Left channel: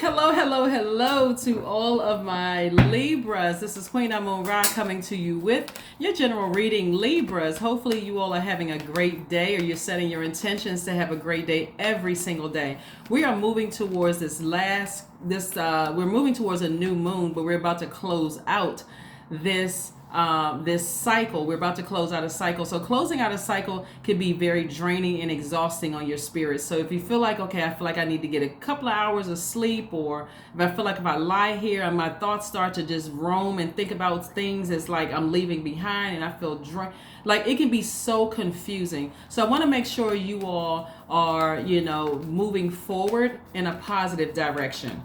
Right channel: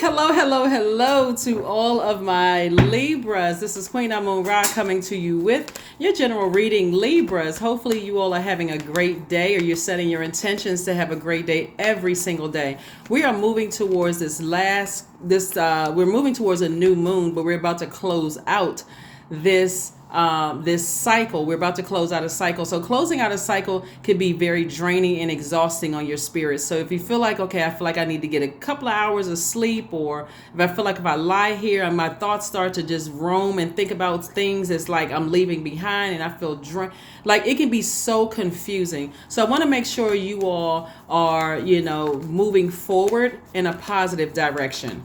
Hello to all of my Libras. This is Queen Amun Ra coming to you with your general reading, Libras. Hopefully you all are having a great day, or you're setting your intentions to have a great day every single day. We are moving towards we're moving towards a new moon, but we're about to close out this cycle. We're about to close out a cycle. So closing out a cycle can be very draining and exhausting on your spirit. So if you feel like, okay, I feel like I need to get a couple of hours of sleep, or if I feel like if I lie here and my thoughts start to just roam and think about things, it's like I'm leaving behind and I feel drained. Like, it can be so confusing. So I want to make sure you all are, moving forward in a positive direction.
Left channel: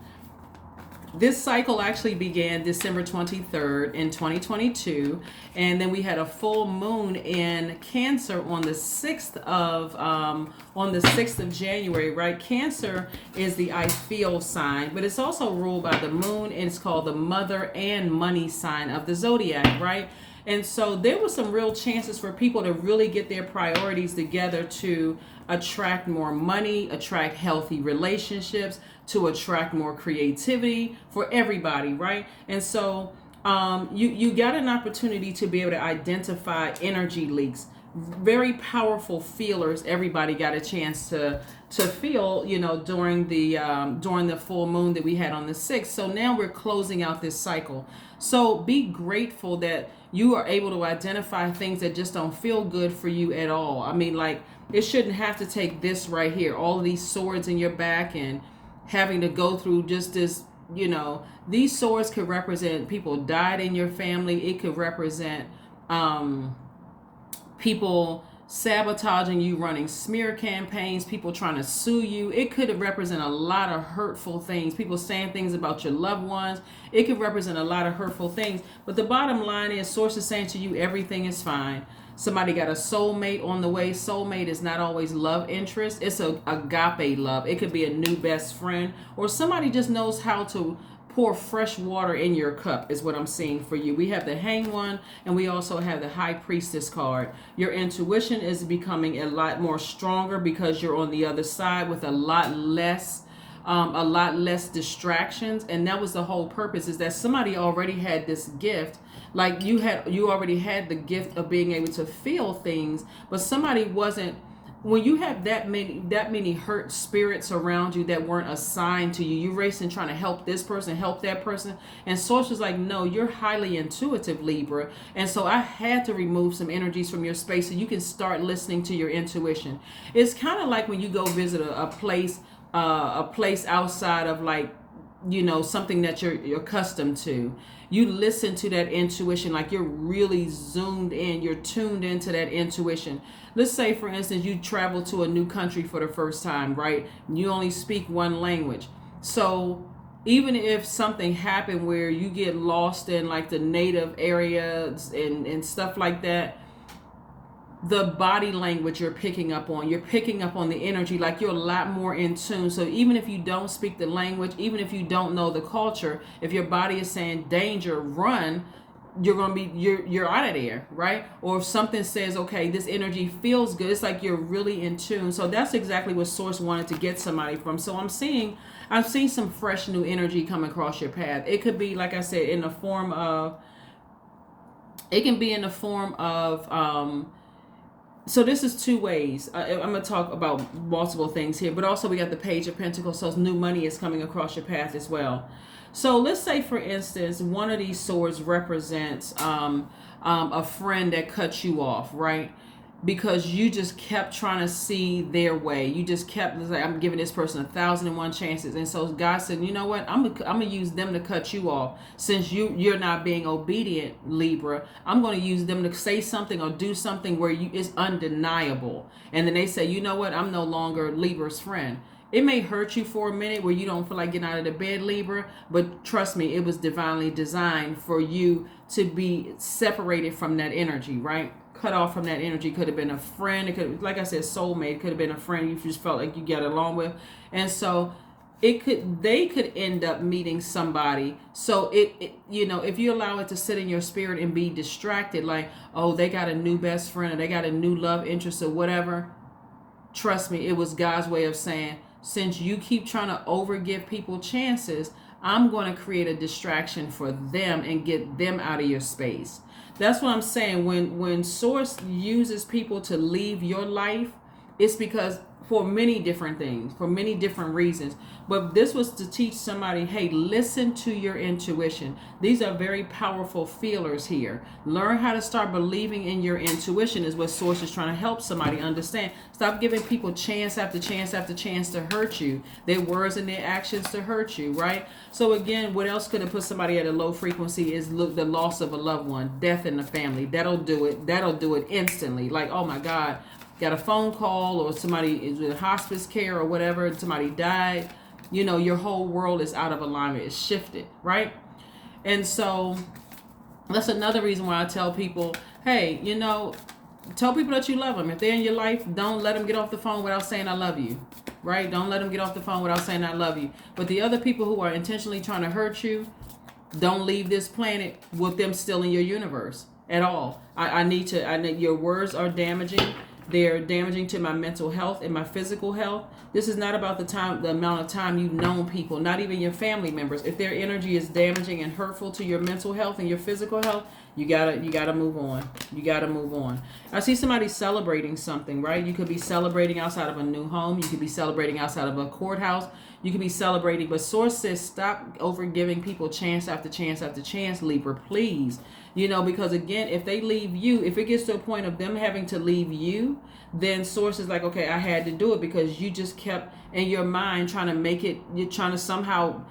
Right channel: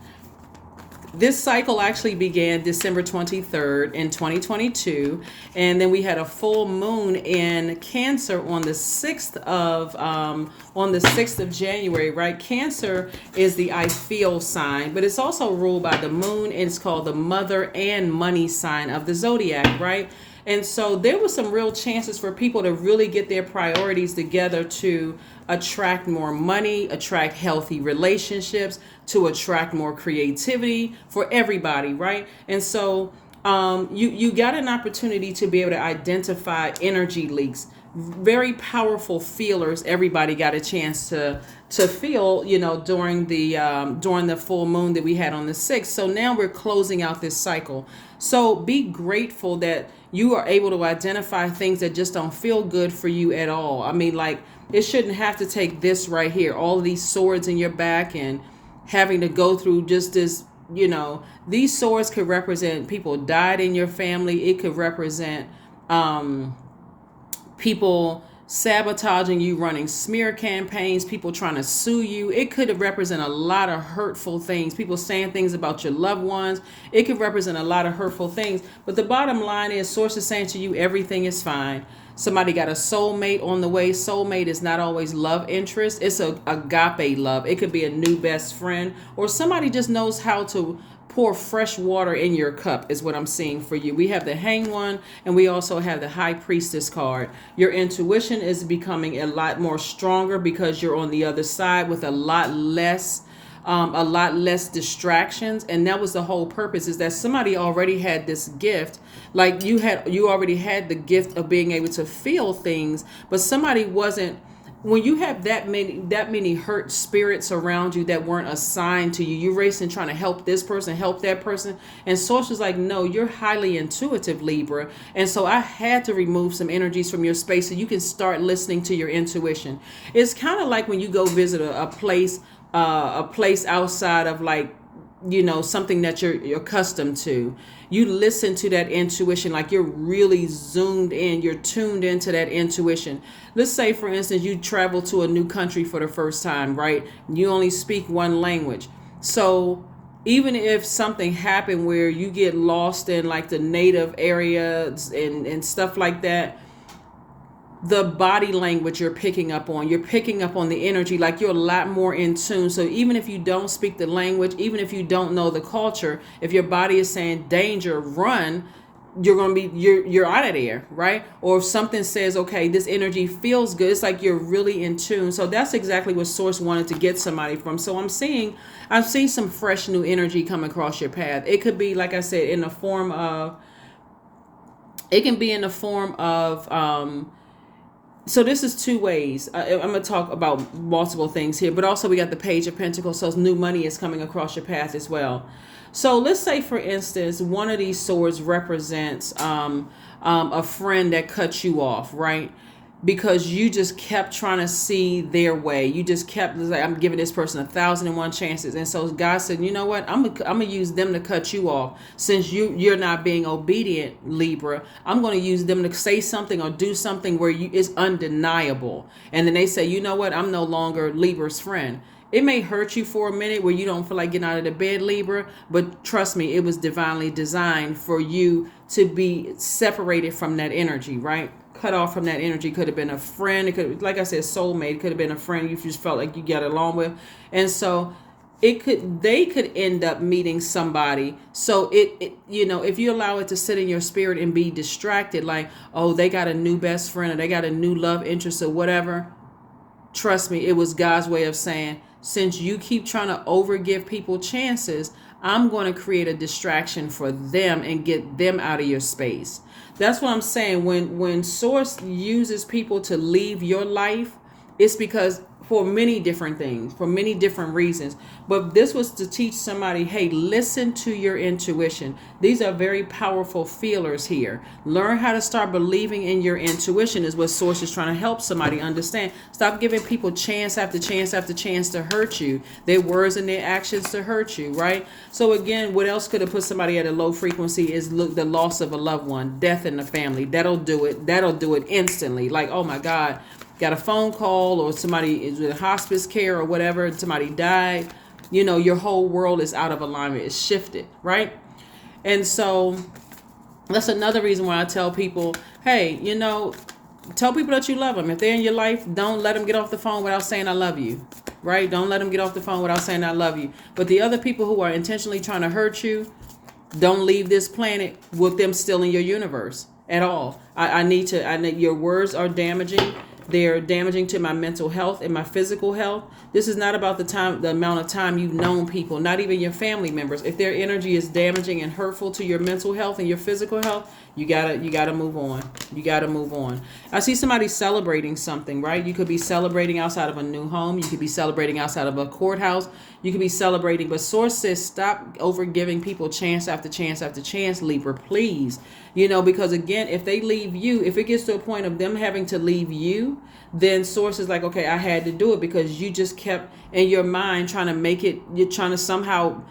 This cycle actually began December 23rd in 2022, and then we had a full moon in Cancer on the 6th of January, right? Cancer is the I feel sign, but it's also ruled by the moon, and it's called the mother and money sign of the Zodiac, right? And so there were some real chances for people to really get their priorities together to attract more money, attract healthy relationships, to attract more creativity for everybody, right? And so you got an opportunity to be able to identify energy leaks, very powerful feelers. Everybody got a chance to feel, during the full moon that we had on the 6th. So now we're closing out this cycle. So be grateful that you are able to identify things that just don't feel good for you at all. I mean, like, it shouldn't have to take this right here, all of these swords in your back, and having to go through just this, these swords could represent people died in your family. It could represent people sabotaging you, running smear campaigns, people trying to sue you. It could represent a lot of hurtful things, people saying things about your loved ones. It could represent a lot of hurtful things. But the bottom line is, source is saying to you, everything is fine. Somebody got a soulmate on the way. Soulmate is not always love interest. It's a agape love. It could be a new best friend, or somebody just knows how to pour fresh water in your cup, is what I'm seeing for you. We have the Hanged One, and we also have the High Priestess card. Your intuition is becoming a lot more stronger because you're on the other side with a lot less distractions. And that was the whole purpose, is that somebody already had this gift. Like, you already had the gift of being able to feel things, but somebody wasn't. When you have that many hurt spirits around you that weren't assigned to you, you're racing trying to help this person, help that person. And Source was like, no, you're highly intuitive, Libra. And so I had to remove some energies from your space so you can start listening to your intuition. It's kind of like when you go visit a place outside of, like, something that you're accustomed to. You listen to that intuition, like you're really zoomed in, you're tuned into that intuition. Let's say, for instance, you travel to a new country for the first time, right? You only speak one language. So even if something happened where you get lost in, like, the native areas and stuff like that, the body language you're picking up on the energy, like, you're a lot more in tune. So even if you don't speak the language, even if you don't know the culture, if your body is saying danger, run, you're out of there, right? Or if something says, okay, this energy feels good, it's like you're really in tune. So that's exactly what Source wanted to get somebody from. So I'm seeing some fresh new energy come across your path. It could be, like I said, in the form of so this is two ways. I'm going to talk about multiple things here, but also we got the Page of Pentacles, so new money is coming across your path as well. So let's say, for instance, one of these swords represents a friend that cut you off, right? Because you just kept trying to see their way. You just kept like, I'm giving this person 1,001 chances. And so God said, you know what? I'm gonna use them to cut you off. Since you're not being obedient, Libra, I'm going to use them to say something or do something where it's undeniable. And then they say, you know what? I'm no longer Libra's friend. It may hurt you for a minute where you don't feel like getting out of the bed, Libra, but trust me, it was divinely designed for you to be separated from that energy, right? Cut off from that energy. Could have been a friend. It could, like I said, soulmate. It could have been a friend you just felt like you got along with. And so they could end up meeting somebody. So it if you allow it to sit in your spirit and be distracted, like, oh, they got a new best friend, or they got a new love interest, or whatever, trust me, it was God's way of saying, since you keep trying to overgive people chances, I'm going to create a distraction for them and get them out of your space. That's what I'm saying. When Source uses people to leave your life, it's because for many different things, for many different reasons. But this was to teach somebody, hey, listen to your intuition. These are very powerful feelers here. Learn how to start believing in your intuition is what Source is trying to help somebody understand. Stop giving people chance after chance after chance to hurt you. Their words and their actions to hurt you, right? So again, what else could have put somebody at a low frequency is the loss of a loved one, death in the family. That'll do it. That'll do it instantly. Like, oh my God, got a phone call or somebody is with hospice care or whatever, and somebody died. You know, your whole world is out of alignment. It's shifted, right? And so that's another reason why I tell people, hey, you know, tell people that you love them. If they're in your life, don't let them get off the phone without saying I love you, right? Don't let them get off the phone without saying I love you. But the other people who are intentionally trying to hurt you, don't leave this planet with them still in your universe at all. I need your words are damaging. They're damaging to my mental health and my physical health. This is not about the amount of time you've known people, not even your family members. If their energy is damaging and hurtful to your mental health and your physical health, you gotta move on. You gotta move on. I see somebody celebrating something, right? You could be celebrating outside of a new home. You could be celebrating outside of a courthouse. You could be celebrating, but Source says stop over giving people chance after chance after chance, Libra, please. You know, because again, if they leave you, if it gets to a point of them having to leave you, then Source is like, okay, I had to do it because you just kept in your mind trying to make it, you're trying to somehow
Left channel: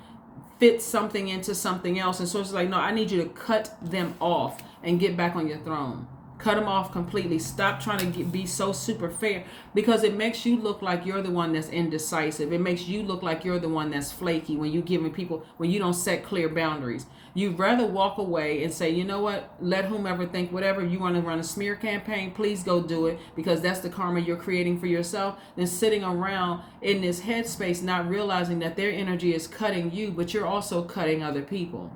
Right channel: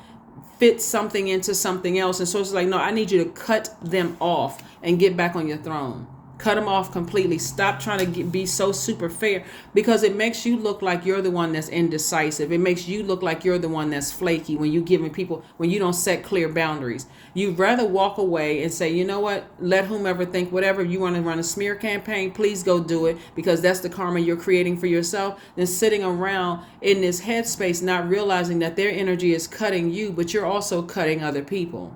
fit something into something else. And Source is like, no, I need you to cut them off and get back on your throne. Cut them off completely. Stop trying to be so super fair, because it makes you look like you're the one that's indecisive. It makes you look like you're the one that's flaky when you don't set clear boundaries. You'd rather walk away and say, you know what, let whomever think whatever. You want to run a smear campaign, please go do it, because that's the karma you're creating for yourself, than sitting around in this headspace not realizing that their energy is cutting you, but you're also cutting other people.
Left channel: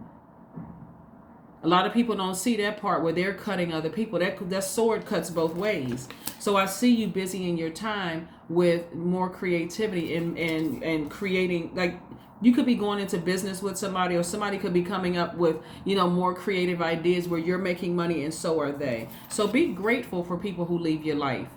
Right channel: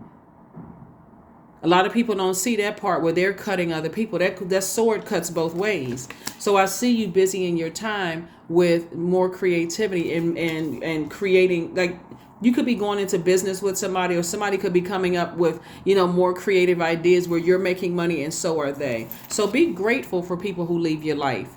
A lot of people don't see that part where they're cutting other people. That sword cuts both ways. So I see you busy in your time with more creativity and creating, like, you could be going into business with somebody, or somebody could be coming up with, you know, more creative ideas where you're making money and so are they. So be grateful for people who leave your life.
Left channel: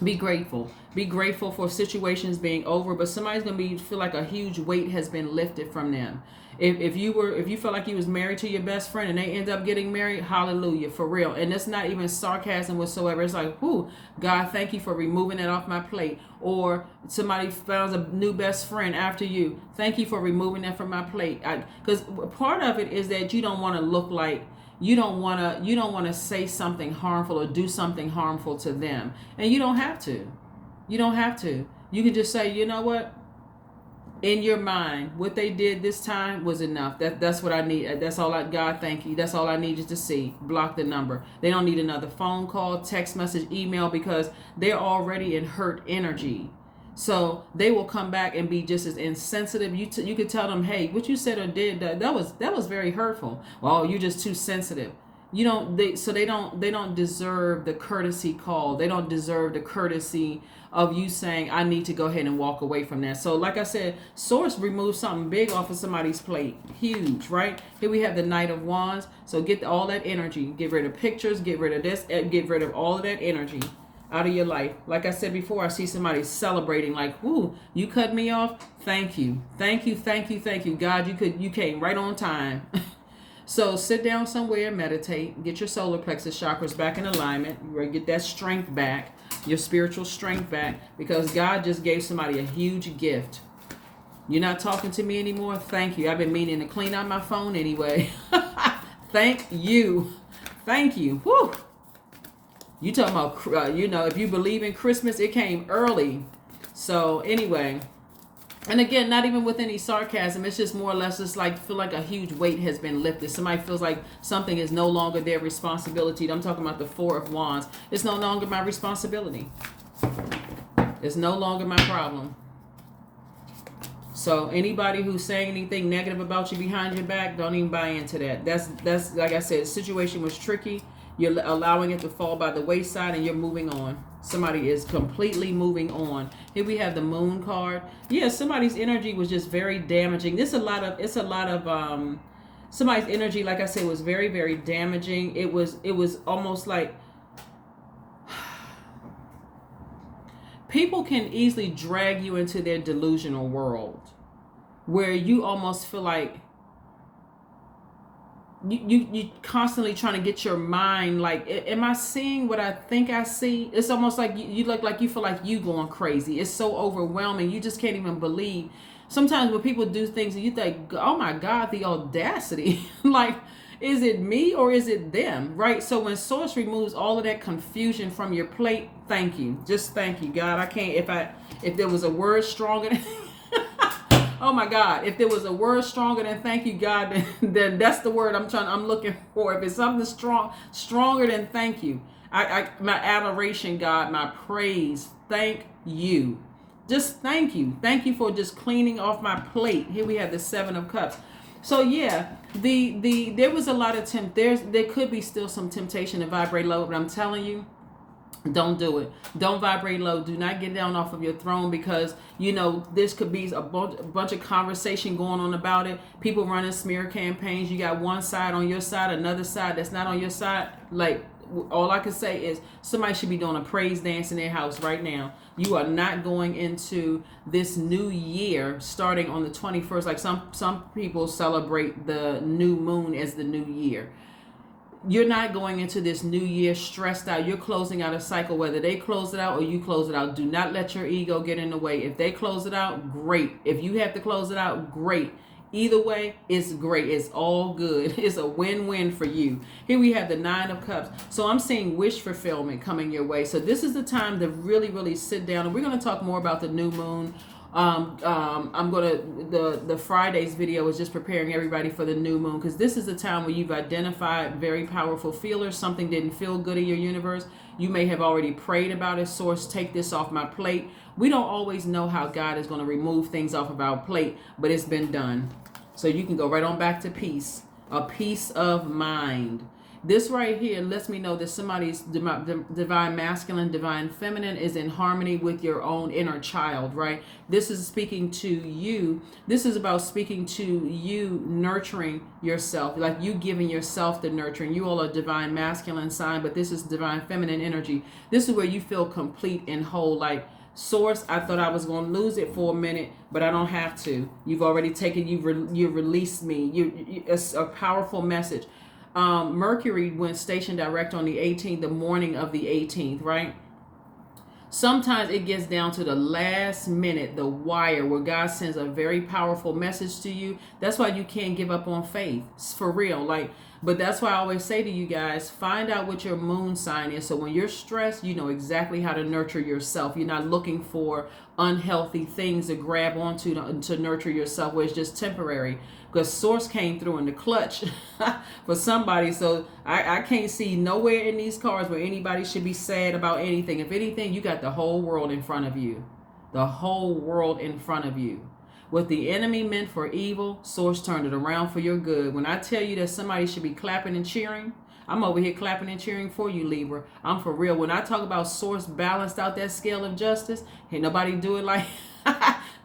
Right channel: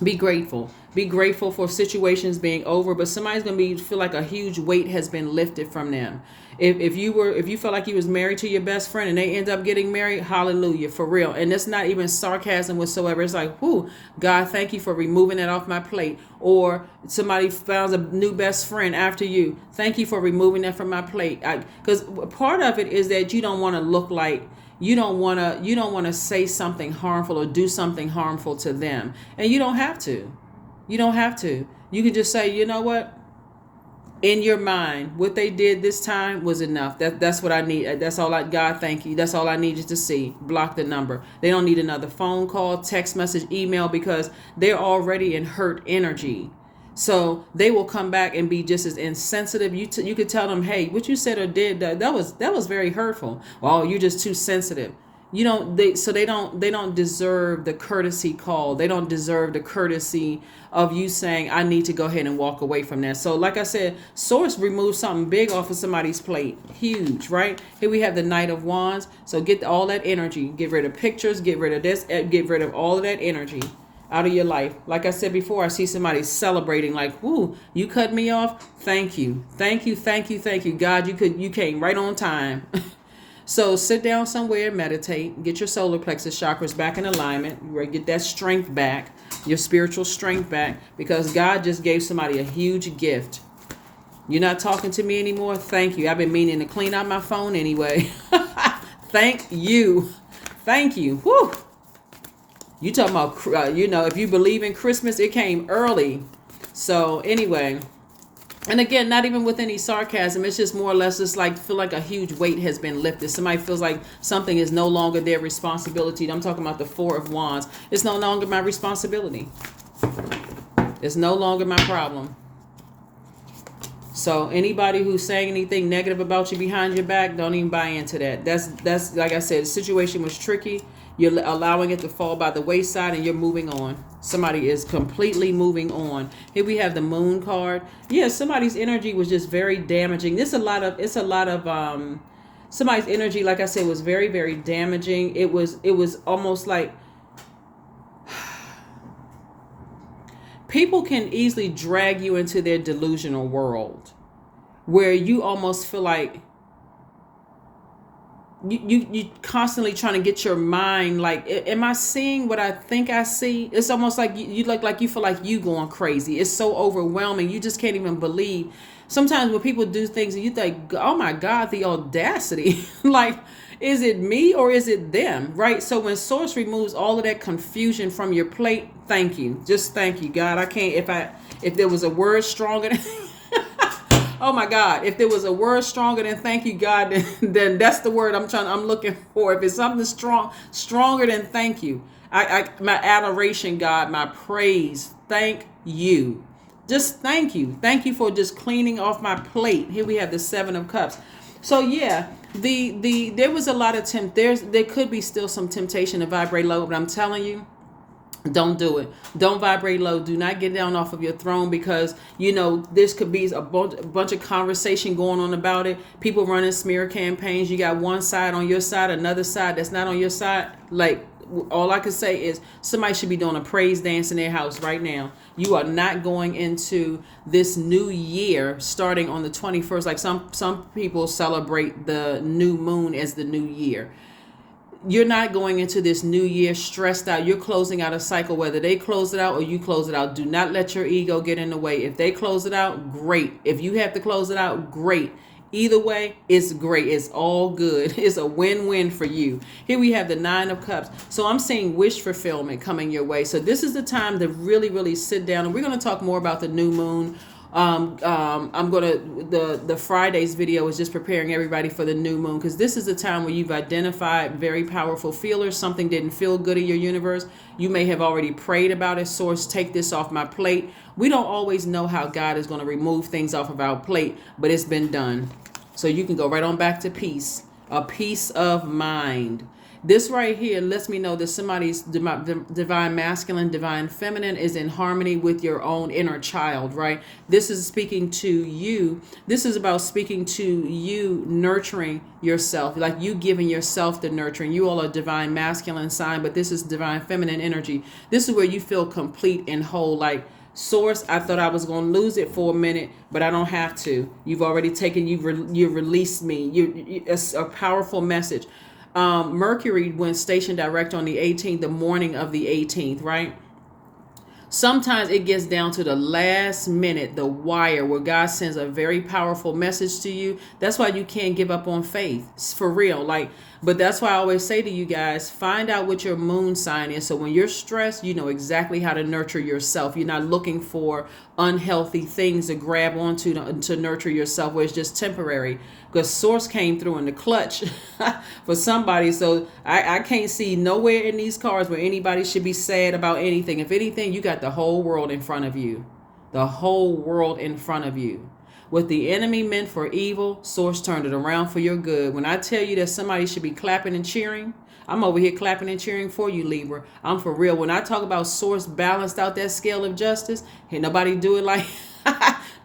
Be grateful. Be grateful for situations being over, but somebody's gonna feel like a huge weight has been lifted from them. If you felt like you was married to your best friend and they end up getting married, hallelujah, for real. And that's not even sarcasm whatsoever. It's like, whoo, God, thank you for removing that off my plate. Or somebody found a new best friend after you. Thank you for removing that from my plate. Because part of it is that you don't want to look like, you don't want to say something harmful or do something harmful to them. And you don't have to. You don't have to. You can just say, you know what? In your mind, what they did this time was enough. That's what I need. That's all God, thank you. That's all I needed to see. Block the number. They don't need another phone call, text message, email, because they're already in hurt energy. So they will come back and be just as insensitive. You could tell them, hey, what you said or did, that was very hurtful. Well, you're just too sensitive. They don't deserve the courtesy call. They don't deserve the courtesy of you saying, I need to go ahead and walk away from that. So like I said, Source removes something big off of somebody's plate. Huge, right? Here we have the Knight of Wands. So get all that energy. Get rid of pictures. Get rid of this. Get rid of all of that energy out of your life. Like I said before, I see somebody celebrating like, whoo, you cut me off. Thank you. Thank you. Thank you. Thank you. God, you came right on time. So sit down somewhere, meditate, get your solar plexus chakras back in alignment, get that strength back, your spiritual strength back, because God just gave somebody a huge gift. You're not talking to me anymore? Thank you. I've been meaning to clean out my phone anyway. Thank you. Thank you. Whew. You talking about, if you believe in Christmas, it came early. So anyway, and again, not even with any sarcasm, it's just more or less just like feel like a huge weight has been lifted. Somebody feels like something is no longer their responsibility. I'm talking about the Four of Wands. It's no longer my responsibility. It's no longer my problem. So anybody who's saying anything negative about you behind your back, don't even buy into that. That's like I said, the situation was tricky. You're allowing it to fall by the wayside, and you're moving on. Somebody is completely moving on. Here we have the Moon card. Yeah, somebody's energy was just very damaging. It's a lot of somebody's energy, like I said, was very, very damaging. It was almost like people can easily drag you into their delusional world where you almost feel like you constantly trying to get your mind like, am I seeing what I think I see? It's almost like you look like you feel like you going crazy. It's so overwhelming. You just can't even believe. Sometimes when people do things and you think, oh my God, the audacity. Like, is it me or is it them? Right? So when Source removes all of that confusion from your plate, thank you. Just thank you, God. I can't, if there was a word stronger than oh my God, if there was a word stronger than thank you, God, then that's the word I'm looking for. If it's something stronger than thank you, my adoration, God, my praise, thank you. Just thank you. Thank you for just cleaning off my plate. Here we have the Seven of Cups. So yeah, there was a lot of there could be still some temptation to vibrate low, but I'm telling you, don't do it. Don't vibrate low. Do not get down off of your throne, because this could be a bunch of conversation going on about it. People running smear campaigns. You got one side on your side, another side that's not on your side. Like, all I can say is somebody should be doing a praise dance in their house right now. You are not going into this new year starting on the 21st. Like some people celebrate the new moon as the new year. You're not going into this new year stressed out. You're closing out a cycle, whether they close it out or you close it out. Do not let your ego get in the way. If they close it out, great. If you have to close it out, great. Either way, it's great. It's all good. It's a win-win for you. Here we have the Nine of Cups. So I'm seeing wish fulfillment coming your way. So this is the time to really, really sit down. And we're going to talk more about the new moon. I'm going to, the Friday's video is just preparing everybody for the new moon, because this is the time where you've identified very powerful feelers. Something didn't feel good in your universe. You may have already prayed about it. Source, take this off my plate. We don't always know how God is going to remove things off of our plate, but it's been done. So you can go right on back to peace, a peace of mind. This right here lets me know that somebody's divine masculine, divine feminine is in harmony with your own inner child, right? This is speaking to you. This is about speaking to you, nurturing yourself, like you giving yourself the nurturing. You all are divine masculine sign, but this is divine feminine energy. This is where you feel complete and whole, like, Source, I thought I was going to lose it for a minute, but I don't have to. You've already taken, you released me. It's a powerful message. Mercury went station direct on the 18th, the morning of the 18th, right? Sometimes it gets down to the last minute, the wire, where God sends a very powerful message to you. That's why you can't give up on faith. It's for real. But that's why I always say to you guys, find out what your moon sign is. So when you're stressed, you know exactly how to nurture yourself. You're not looking for unhealthy things to grab onto to nurture yourself, where it's just temporary. Because Source came through in the clutch for somebody. So I can't see nowhere in these cards where anybody should be sad about anything. If anything, you got the whole world in front of you. The whole world in front of you. What the enemy meant for evil, Source turned it around for your good. When I tell you that somebody should be clapping and cheering, I'm over here clapping and cheering for you, Libra. I'm for real. When I talk about Source balanced out that scale of justice, ain't nobody do it like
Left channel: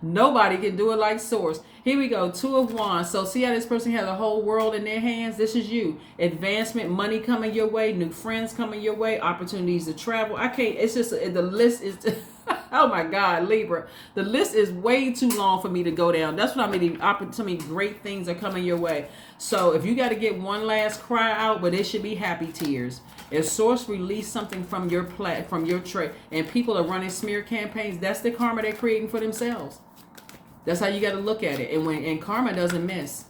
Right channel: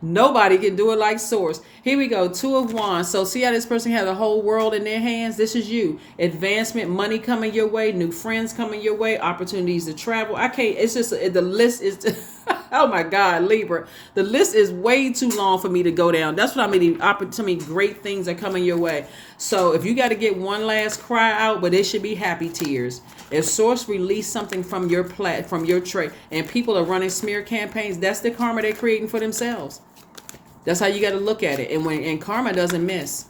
nobody can do it like Source. Here we go, Two of Wands. So see how this person has the whole world in their hands? This is you. Advancement, money coming your way, new friends coming your way, opportunities to travel. I can't, it's just, the list is, oh my God, Libra. The list is way too long for me to go down. That's what I mean, the opportunity, great things are coming your way. So if you got to get one last cry out, but it should be happy tears. If Source release something from your from your tray, and people are running smear campaigns, that's the karma they're creating for themselves. That's how you got to look at it. And karma doesn't miss.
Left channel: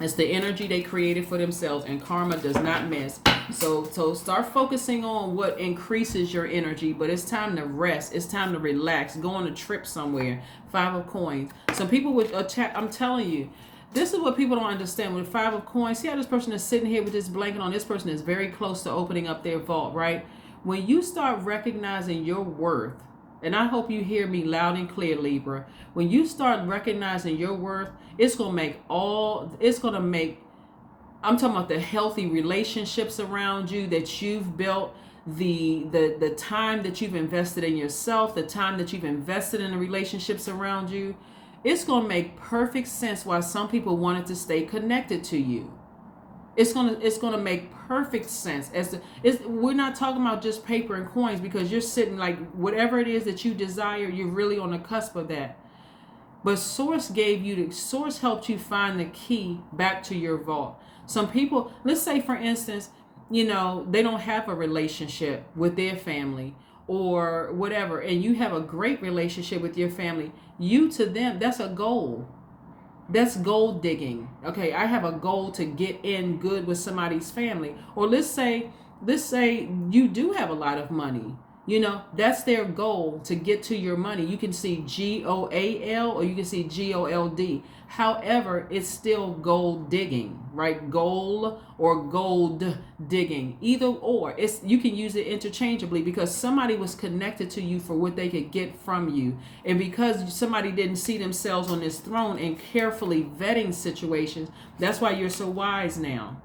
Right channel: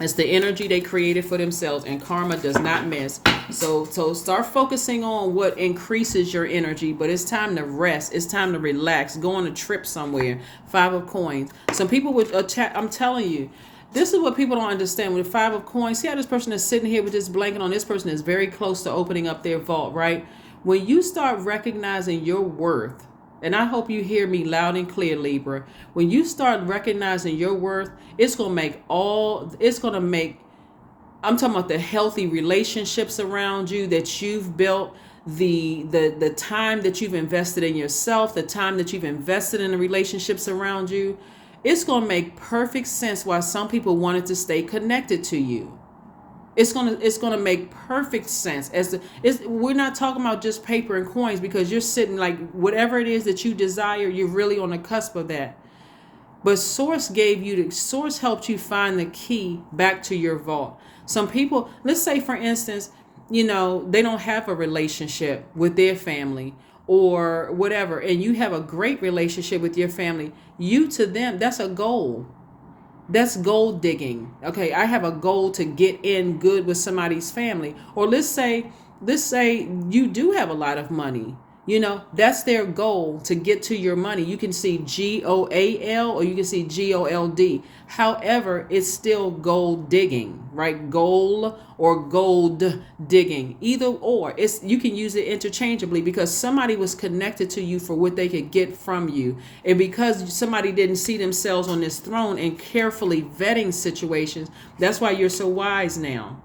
It's the energy they created for themselves, and karma does not miss. So start focusing on what increases your energy, but it's time to rest. It's time to relax. Go on a trip somewhere. Five of Coins. Some people would attack. I'm telling you, this is what people don't understand. With the Five of Coins, see how this person is sitting here with this blanket on? This person is very close to opening up their vault, right? When you start recognizing your worth, and I hope you hear me loud and clear, Libra. When you start recognizing your worth, it's going to make I'm talking about the healthy relationships around you that you've built, the time that you've invested in yourself, the time that you've invested in the relationships around you. It's going to make perfect sense why some people wanted to stay connected to you. It's gonna make perfect sense. We're not talking about just paper and coins, because you're sitting like whatever it is that you desire, you're really on the cusp of that. But Source helped you find the key back to your vault. Some people, let's say for instance, they don't have a relationship with their family or whatever, and you have a great relationship with your family. You to them, that's a goal. That's gold digging. Okay, I have a goal to get in good with somebody's family. Or let's say you do have a lot of money. That's their goal, to get to your money. You can see GOAL or you can see GOLD. However, it's still gold digging, right? Goal or gold digging. Either or. You can use it interchangeably, because somebody was connected to you for what they could get from you. And because somebody didn't see themselves on this throne and carefully vetting situations, that's why you're so wise now.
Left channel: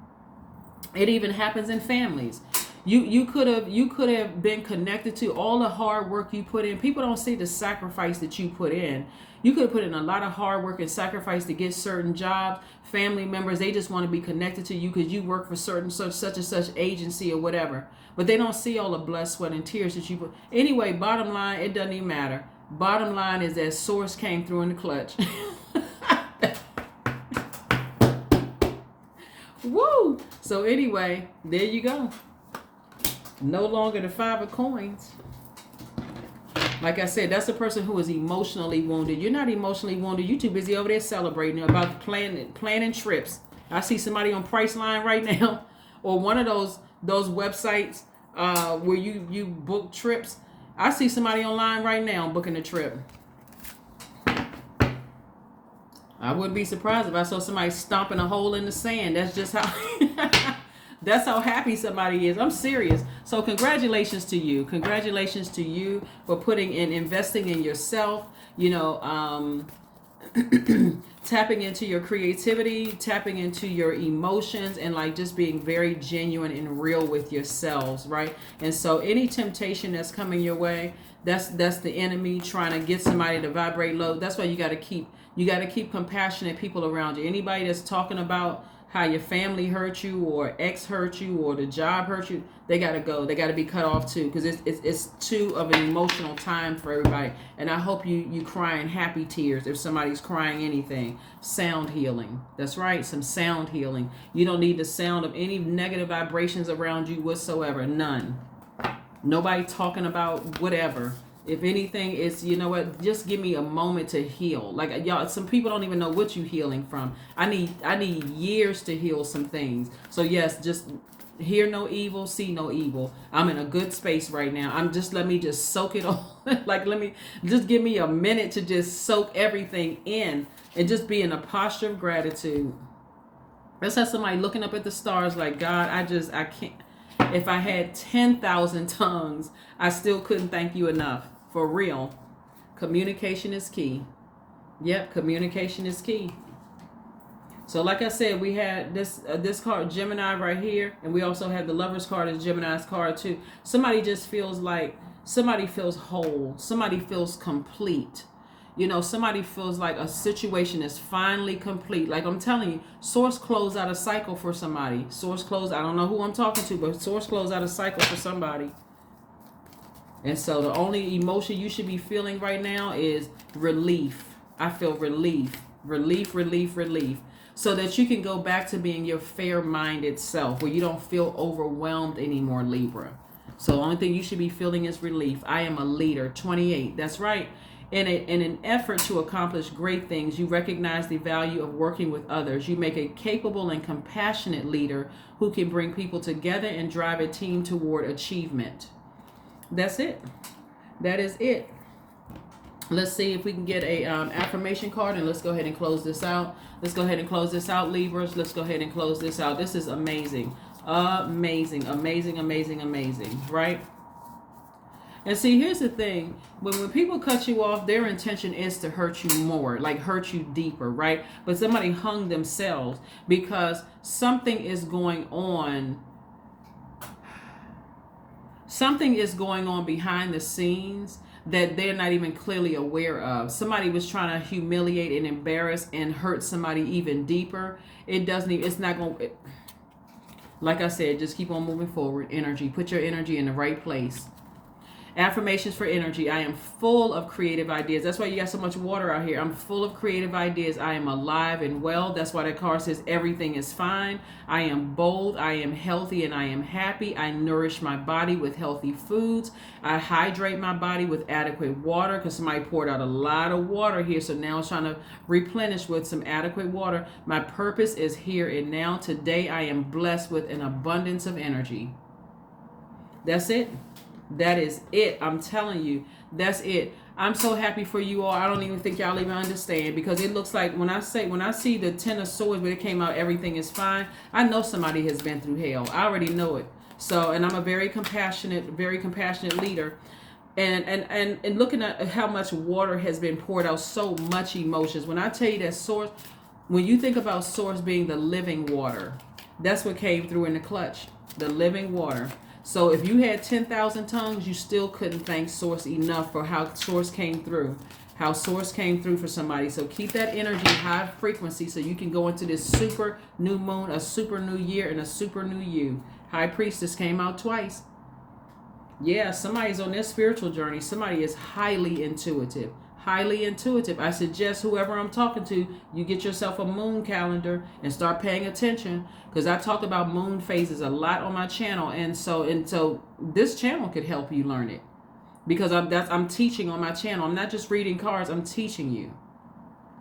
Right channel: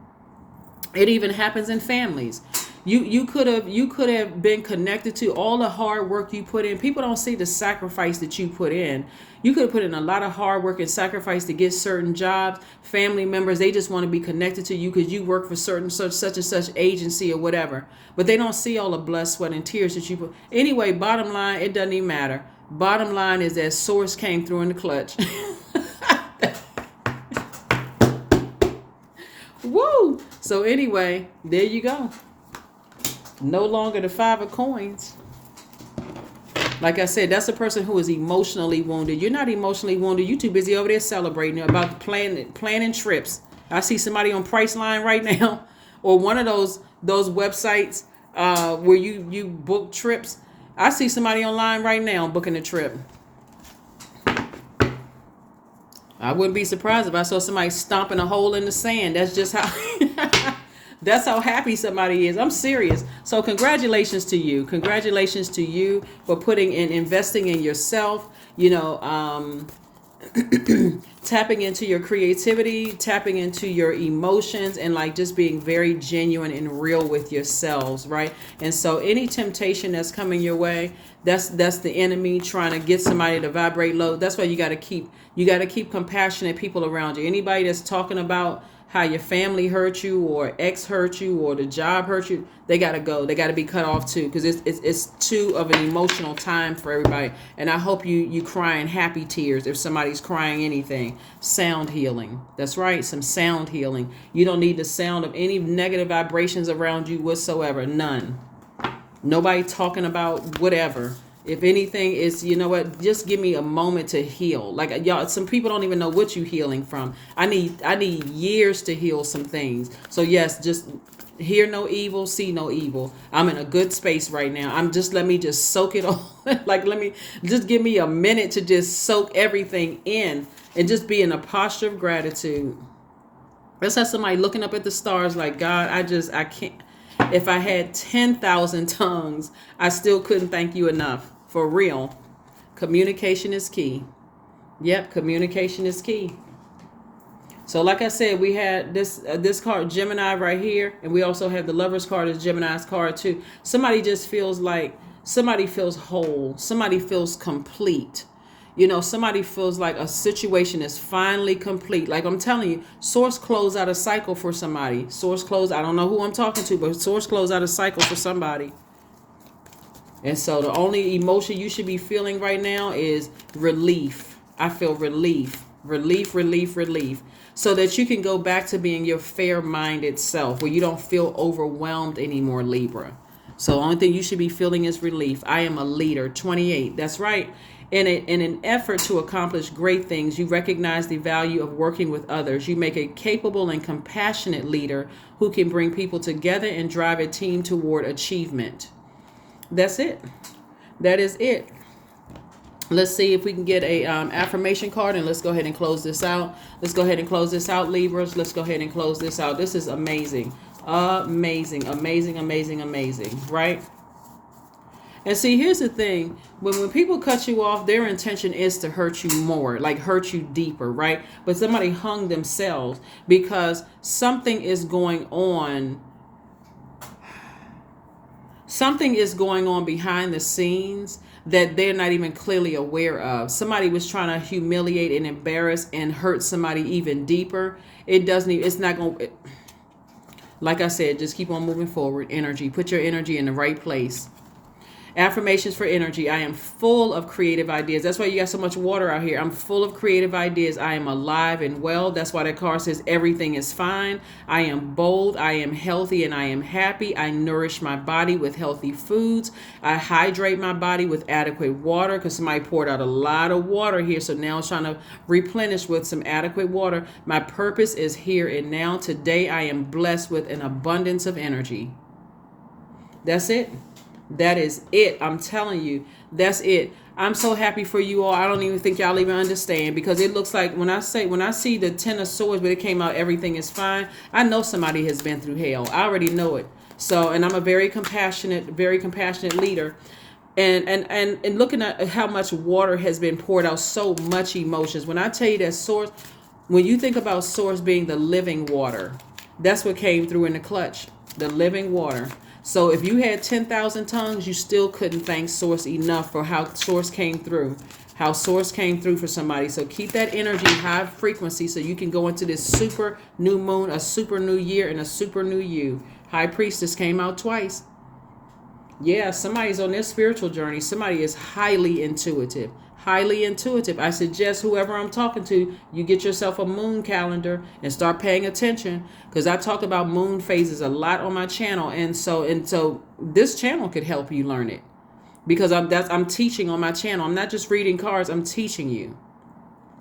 It even happens in families. You could have been connected to all the hard work you put in. People don't see the sacrifice that you put in. You could have put in a lot of hard work and sacrifice to get certain jobs. Family members, they just want to be connected to you because you work for such and such agency or whatever. But they don't see all the blood, sweat, and tears that you put. Anyway, bottom line, it doesn't even matter. Bottom line is that Source came through in the clutch. Woo! So anyway, there you go. No longer the 5 of coins. Like I said, that's a person who is emotionally wounded. You're not emotionally wounded. You're too busy over there celebrating about planning trips. I see somebody on Priceline right now, or one of those websites where you book trips. I see somebody online right now booking a trip. I wouldn't be surprised if I saw somebody stomping a hole in the sand. That's just how that's how happy somebody is. I'm serious. So congratulations to you. Congratulations to you for investing in yourself, tapping into your creativity, tapping into your emotions, and like just being very genuine and real with yourselves, right? And so any temptation that's coming your way, that's the enemy trying to get somebody to vibrate low. That's why you got to keep compassionate people around you. Anybody that's talking about how your family hurt you or ex hurt you or the job hurt you, they got to go. They got to be cut off too, because it's too of an emotional time for everybody. And I hope you crying happy tears if somebody's crying anything. Sound healing. That's right, some sound healing. You don't need the sound of any negative vibrations around you whatsoever. None. Nobody talking about whatever. If anything, it's, just give me a moment to heal. Like y'all, some people don't even know what you're healing from. I need years to heal some things. So yes, just hear no evil, see no evil. I'm in a good space right now. Let me just soak it all. Like, give me a minute to just soak everything in and just be in a posture of gratitude. Let's have somebody looking up at the stars like, God, I can't. If I had 10,000 tongues, I still couldn't thank you enough. For real. Communication is key. Yep, communication is key. So like I said, we had this card, Gemini, right here. And we also have the Lover's card as Gemini's card too. Somebody just feels like, somebody feels whole. Somebody feels complete. Somebody feels like a situation is finally complete. Like I'm telling you, Source closed out a cycle for somebody. I don't know who I'm talking to, but Source closed out a cycle for somebody. And so the only emotion you should be feeling right now is relief. I feel relief. So that you can go back to being your fair-minded self, where you don't feel overwhelmed anymore, Libra. So the only thing you should be feeling is relief. I am a leader, 28. That's right. In an effort to accomplish great things, you recognize the value of working with others. You make a capable and compassionate leader who can bring people together and drive a team toward achievement. That's it. That is it. Let's see if we can get a affirmation card, and let's go ahead and close this out. Libras. Let's go ahead and close this out. This is amazing. Amazing, right? And see, here's the thing. When people cut you off, their intention is to hurt you more, like hurt you deeper, right? But somebody hung themselves because something is going on. Something is going on behind the scenes that they're not even clearly aware of. Somebody was trying to humiliate and embarrass and hurt somebody even deeper. It doesn't even, it's not going to, like I said, just keep on moving forward. Energy. Put your energy in the right place. Affirmations for energy. I am full of creative ideas. That's why you got so much water out here. I'm full of creative ideas. I am alive and well. That's why that card says everything is fine. I am bold. I am healthy and I am happy. I nourish my body with healthy foods. I hydrate my body with adequate water because somebody poured out a lot of water here. So now it's trying to replenish with some adequate water. My purpose is here and now. Today I am blessed with an abundance of energy. That's it. That is it. I'm telling you, that's it. I'm so happy for you all. I don't even think y'all even understand, because it looks like when I see the Ten of Swords, but it came out everything is fine, I know somebody has been through hell. I already know it. So, and I'm a very compassionate leader. And looking at how much water has been poured out, so much emotions. When I tell you that Source, when you think about Source being the living water, that's what came through in the clutch, the living water. So if you had 10,000 tongues, you still couldn't thank Source enough for how Source came through. How Source came through for somebody. So keep that energy high frequency so you can go into this super new moon, a super new year, and a super new you. High Priestess came out twice. Yeah, somebody's on their spiritual journey. Somebody is highly intuitive. Highly intuitive. I suggest whoever I'm talking to, you get yourself a moon calendar and start paying attention, because I talk about moon phases a lot on my channel, and so this channel could help you learn it, because I'm teaching on my channel. I'm not just reading cards, I'm teaching you.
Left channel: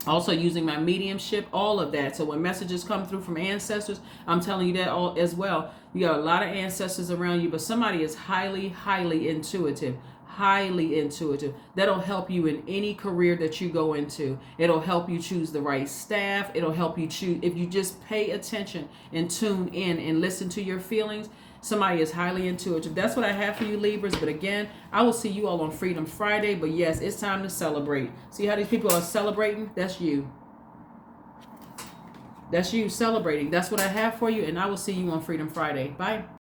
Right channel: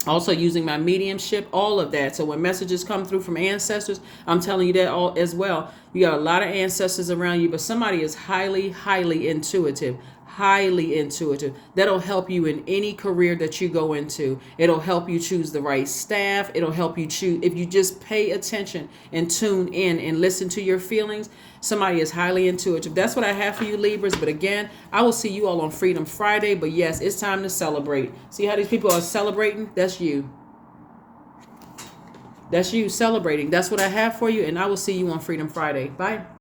Also using my mediumship, all of that. So when messages come through from ancestors, I'm telling you that all as well. You got a lot of ancestors around you, but somebody is highly, highly intuitive. Highly intuitive. That'll help you in any career that you go into. It'll help you choose the right staff. It'll help you choose, if you just pay attention and tune in and listen to your feelings. Somebody is highly intuitive. That's what I have for you, Libras. But again, I will see you all on Freedom Friday. But yes, it's time to celebrate. See how these people are celebrating? That's you. That's you celebrating. That's what I have for you. And I will see you on Freedom Friday. Bye.